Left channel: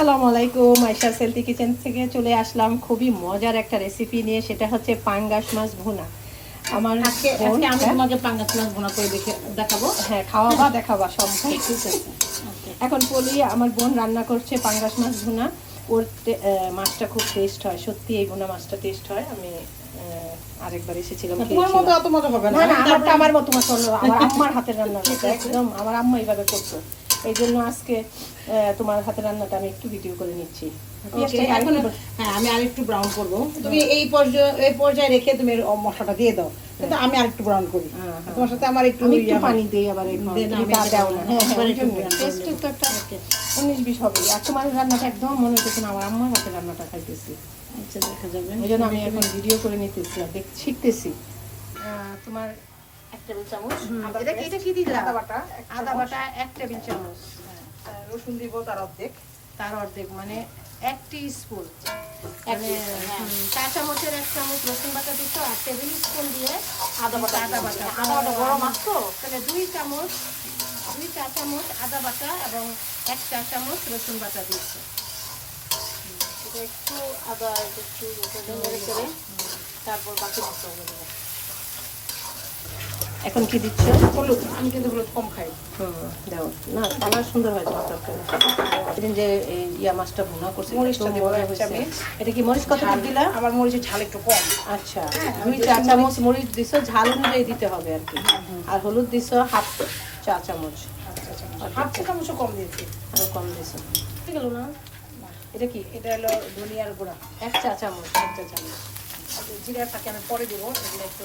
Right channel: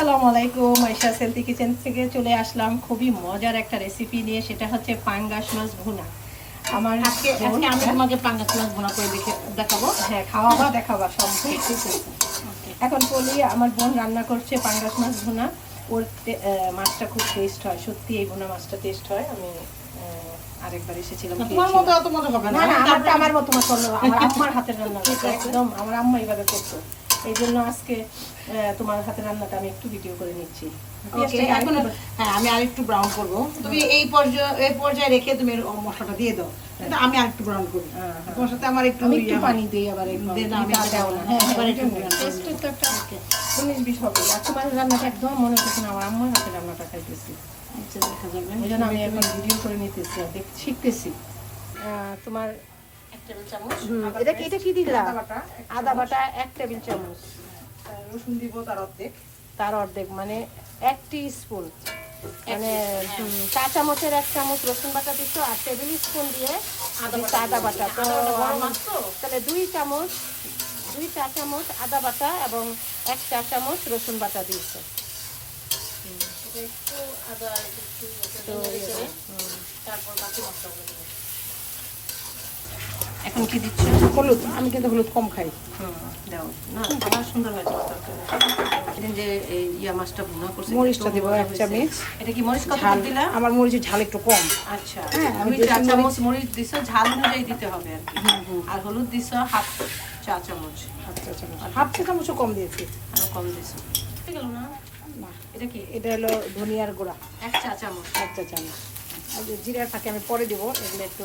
আসসালামু আলাইকুম আয়সা সেলতি কিচেন থেকে চলে আসলাম। খুবই মজার একটা রেসিপি নিয়ে সেটা হচ্ছে পাঙ্গাস মাছ ভুনা। আমার আজকে আজকে আমি হ্যাঁ? তোমাকে পাঙ্গাস মাছ ভুনা করে দেখে দেখাবো। হ্যাঁ খাওয়া দাওয়া দেখাবো সব আচ্ছা, ঠিক এখন বলি আমার বোন রান্না করছে পাঙ্গাস মাছ ভুনা। ওর মাছটা খুব টেস্ট হয় সত্যি এই ভুনা মাছটা টেস্ট হয়। আমি আরেকবার এসেছিলাম তোমার মতো অত মজা হবে না। আমার মতো মতো আমার আম্মার হাতের রান্না। একদম আমার আম্মা এইভাবে করতো। এই জন্য আজকে তোমার হাতে রান্নাটা আমি একটু ভিডিও করে নিচ্ছি। হ্যাঁ আমি আর একটু ব্রাউন করব। তুমি এই পর্যায়ে এই পর্যায়ে রেখে তুমি মশলাটা দিয়ে দাও। হ্যাঁ। আমি আর একটু ব্রাউন করি হ্যাঁ, হ্যাঁ। তোমার সাথে আমার একটু পানি দিই আবার উনিশ বিশ হবে। আর তোমার রান্নাটা একদম মনে হচ্ছে না আমার হাতে রান্নাটা খাইতেছি। আচ্ছা দেখা যাবে। জন্য আমি এখন ভিডিও করে নিতেছি আর শিখতেছি তোমার আদা বাটা তার অর্ধেক। মানে এক স্পুন মানে চা চামচের এক চামচ রসুন বাটা দিত আর টেবিল স্পুন দিয়ে আদা বাটা দুই চামচ দুই চা চামচ আদা এবং এক চা চামচ রসুন বাটা দিয়েছে। তারপর এখন কি দিচ্ছ? হলুদ আমি কিন্তু হলুদ কম খাই। হুম না সুন্দর হয় যে ইয়া মাছটা ভুনা করছি মরিচটা দিব এটা কি মরিচ কত দিলা? আমার মরিচের ঝাল একটু কম। আচ্ছা হ্যাঁ, মরিচ ঝাল অনুযায়ী দিতে হবে আর কি। আর হলুদ দিছো হাফ চা চামচ। হাফ চা কম দিয়েছি। কম না? এটা কি? এটা হলো গুঁড়া। এক চা আমি পরে দিবো একটু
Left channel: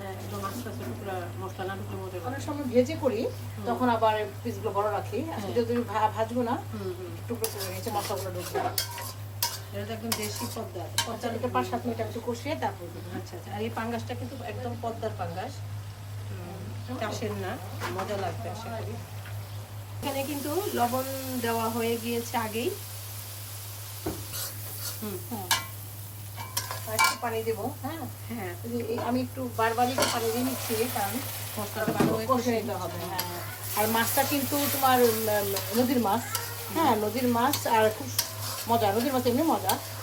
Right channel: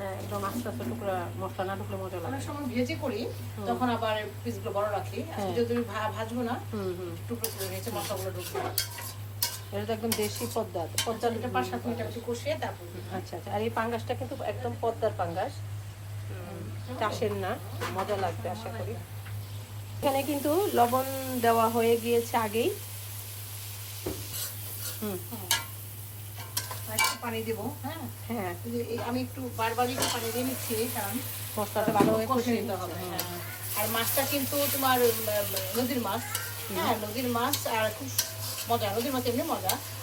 হ্যাঁ, টুকরা মশলা না ভেজে করি তখন আবার বড় হ্যাঁ। টুকরো একদম পাঁচ সাত একটু কষিয়ে তারপর আচ্ছা আচ্ছা। আর এই কিন্তু একদম পদ্মার চাষের না মজা লাগবে আশা করি। এখানে কিন্তু লবণ দেওয়া হয়ে গিয়েছে আগেই। হুম। পানি মাছ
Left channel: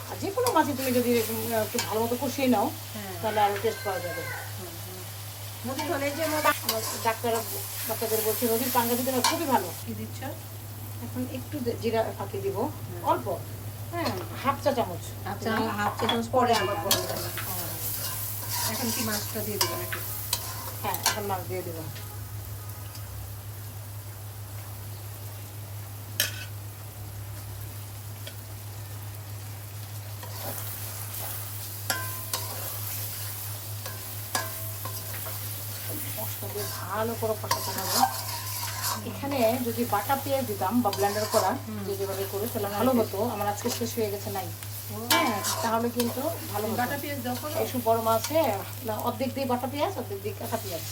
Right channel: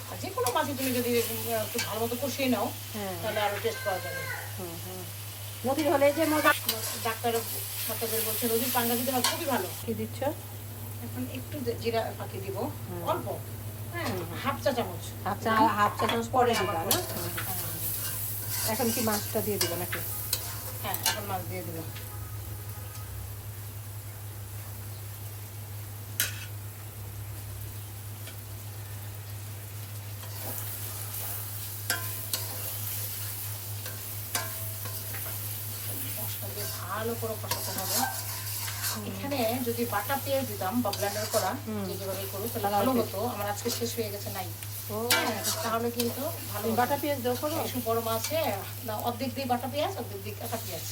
হ্যাঁ, যে কোনো মাছই তুমি যদি একটু ভালো মতো কষিয়ে নাও হ্যাঁ। তাহলে আরও টেস্ট পাওয়া যাবে। নদীর হলে যে মজা। ডাক্তার ডাক্তারদের বলছে নদীর পাঙ্গা দিতে খুবই ভালো। কি দিচ্ছ? এখন একটু জিরা ফাঁকি দিব অল্প। হাফ হাফ পরে হ্যাঁ। এখন কি মাছটা দিয়ে দিবেন নাকি? হ্যাঁ মাছ দিয়ে ভালো করে প্রথমে যদি বাটা পেঁয়াজ দিতাম বা ব্লেন্ডার করা যেভাবে করে সেটা ভালো হতো আমার আজকে শেষ হয়ে গেছে নাই। হ্যাঁ, তাহলে কিন্তু ভালো বাটা পেঁয়াজ দাও করো। একটু বড় মাছে না অর্ধেক দিয়ে বাটা পেঁয়াজ অর্ধেক দিয়ে কাঁচা পেঁয়াজ।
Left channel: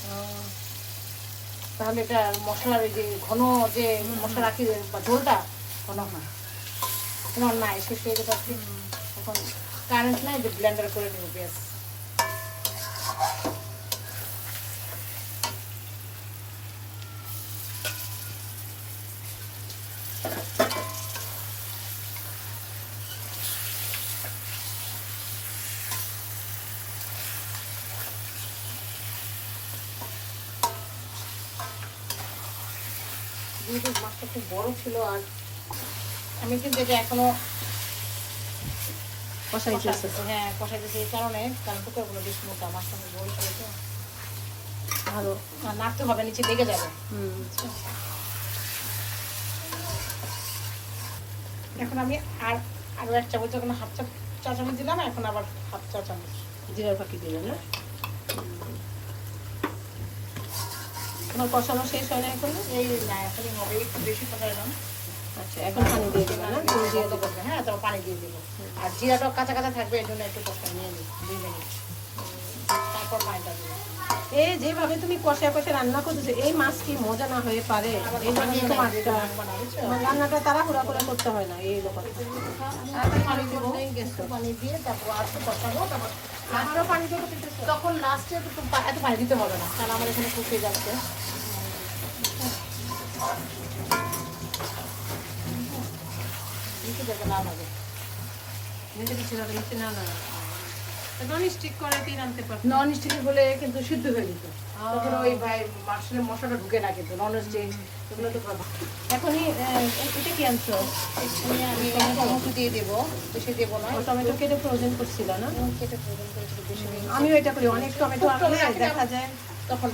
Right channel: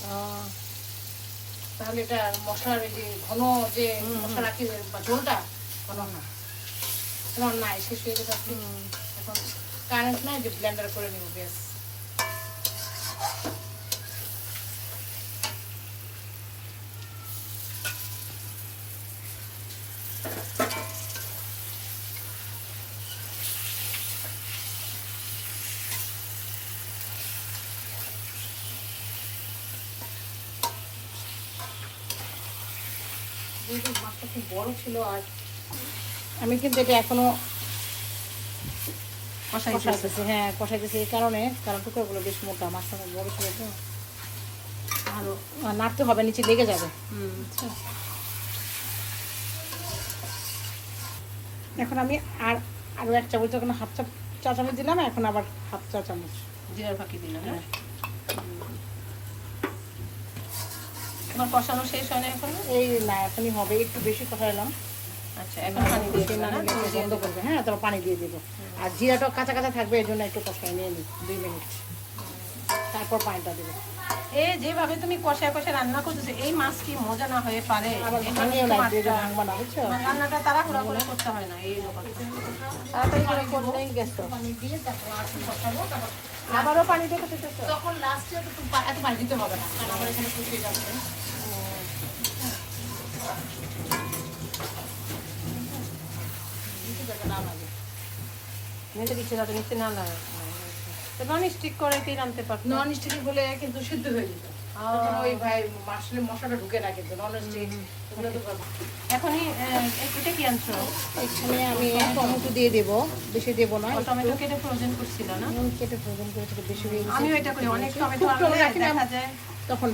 তাহলে এটা মশলার যে ঘন যে মশলা রাখি ঝোলটা ঘন না। তোমার নাই শেষ হয়ে গেছে এখন কারেন্ট নাই যে ব্লেন্ডার করে নেব পেঁয়াজ খুব বড় ছিল আর আমি কিন্তু এটা এখনও কষাইতেছি হ্যাঁ কষাইতেছি এই কারণে কারণ টুকরোগুলো বেশ মোটা মাছটা বড় ছিল আরও নাড়তে হবে নিচে লেগে যাবে। হুম। এখন আমি আর আগে এক চামচ যখন হাফ চা চামচ দিলাম এখন আবার হাফ চা চামচ জিরা ফাঁকি দিলাম হ্যাঁ? না তোমার কষানো শেষ হয় এখন? এই না এখনই হবে একটু বেশি কষাইলাম আচ্ছা এখন পানি দিয়ে দিবে না? পানি দিয়ে দিতে হ্যাঁ তোরা পানি দিয়ে দিবো। আর জিরাটাও কাঁচা কাঁচা থাকবে এই জন্য একটু কষাই নিয়ে দুই মিনিট। তারপর পানিটা দেবো। এই যেভাবে তুমি কষায় কষায় রান্না করতেছো এই মাছ কি মজা না হয়ে পারে? আবার দুটো নিয়ে তোমার লাগবে, টা- রান্না না, বুঝছ? তোমার রান্নাটা তাড়াহুড়া করে করতে হয় না এই রকম তাড়াতাড়ি করে করলেই গেছো। পানি দিয়ে তারপর আস্তে কষাবো তারপর আবারও পানি দিতে দিতেছো তখন লাস্টে এত পানি দিতে হবে না কারণ আমার এখানে ফুটে যাচ্ছে। নিচে না দিচ্ছে যাতে নিচে না নন স্টিক করে নামতে পারতো। নন স্টিক হলে কিন্তু সিদ্ধ হয়ে যেত। তখন ওই ভাই মাসলে মশলাটা ঢুকে না কিন্তু। এখনই এটা কি আনছো? আমি টমেটো। দিয়ে দেবো বেশি দেবো না। টমেটো কেটে ফ্রোজেন করছিল না? কেটে প্রয়োজন করেছিল বেশি আমিও এটা করি অনেক টমেটো আনলে দেখা যায় তখন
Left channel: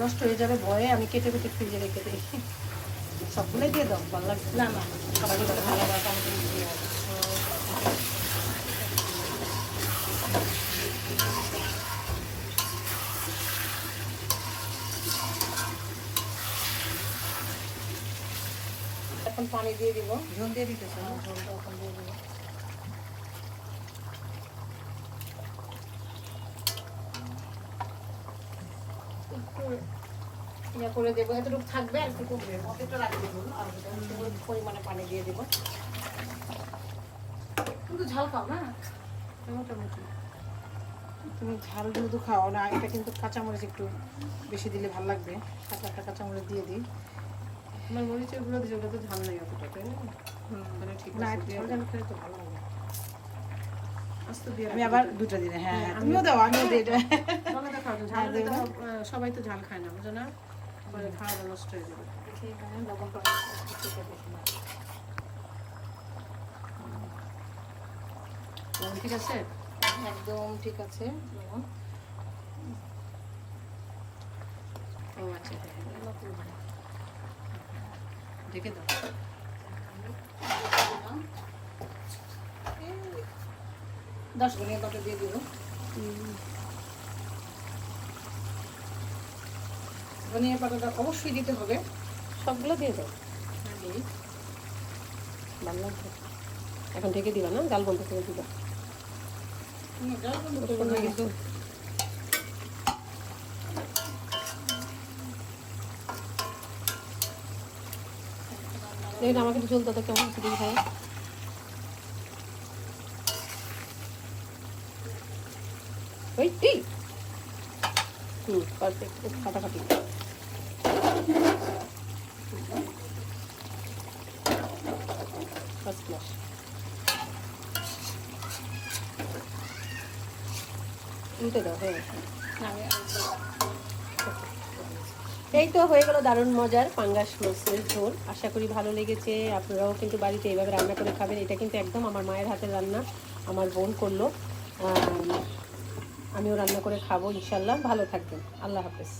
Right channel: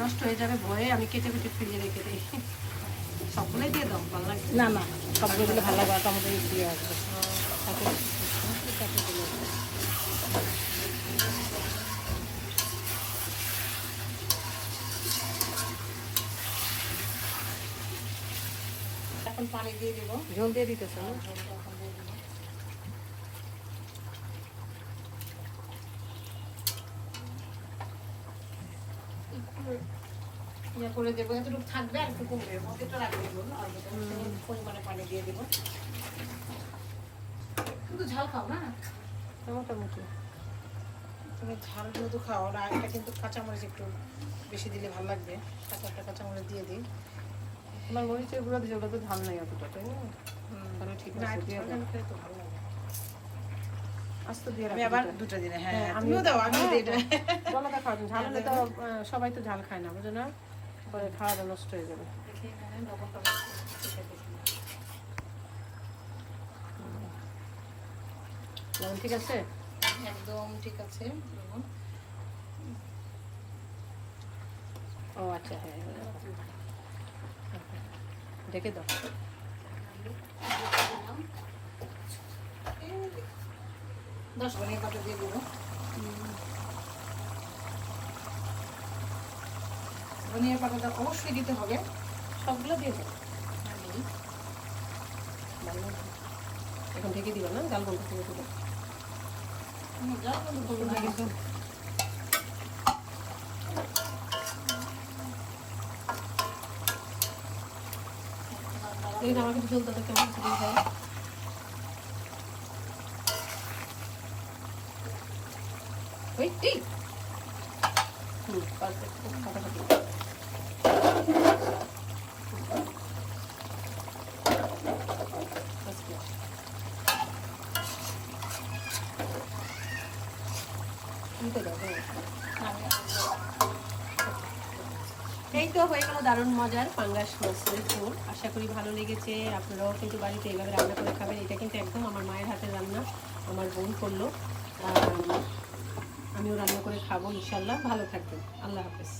নষ্ট হয়ে যাবে ভয়ে আমি কেটে কেটে ফ্রিজে রেখে দিই। সবগুলোই দিয়ে দাও ভালো লাগবে না না টমেটো ভালো না টমেটো দিয়ে আসব। এখন পানি দিয়ে দিব। ঝোল দিয়ে দিতেছো না? ইয়ে করে দেবো এতটুকু থাকবে আর একটু কমবে। অর্ধেকটা রাখে দেবো আর পরিমাণে পানি দিয়ে দেবো। কিন্তু ঝাল খাও না? মোটামুটি। তুমি ঝাল যেহেতু খাও না এটা কিন্তু কাঁচামরিচ একটু বেশি দিলে ভালো লাগবে। কাঁচা একটা কাঁচামরিচ দিয়ে দিই। তোমার মরিচের গুঁড়ো দিয়েছে ওটা তো ঝাল নেই অতটা তাই না? তাহলে ঠিক আছে দিয়ে তো ভালো লাগে আস্ত দিয়ে আমি আবার দুটো। দুটো হ্যাঁ হ্যাঁ, আমিও দাও আমিও খাওয়া ঝাল হলে তো সবাই তো ঝাল খায় না বুঝো না? পরে খাওয়াটা নষ্ট হয়ে যাবে। লবণ ঠিক আছে? একদম ঠিক আছে ও আচ্ছা হ্যাঁ ঢেকে দাও। দশ ধনিয়া পাতা দিয়ে দেবো। ধনিয়া পাতাটা অবশ্যই দিতে হবে। সবগুলো দিয়ে লাগবে। এখন ঢেকে দিবা না ডাল বলতে করে দিবা হুম, যাও, কিন্তু করব না কিন্তু এই আমাকে একটু ঝোলটা দেখে আমার ফুটে খাই ওই এই হুম পারফেক্ট খুব ফাটাফাটি First class. উল্টে দাও, হয়ে গেছে। এই তো হয়ে গেল দারুণ মজার পাঙ্গাস মাছের ঝোল। আশা করি ভালো লেগেছে। আপনারাও কিন্তু বাড়িতে এইভাবে রান্না করে খাবেন। এটা কিন্তু একদম আমার মায়ের হাতে রান্না। আমার বোন করল। আমিও রান্না করে খাব ইনশাল্লাহ ভালো থাকবেন। আল্লাহ হাফেজ।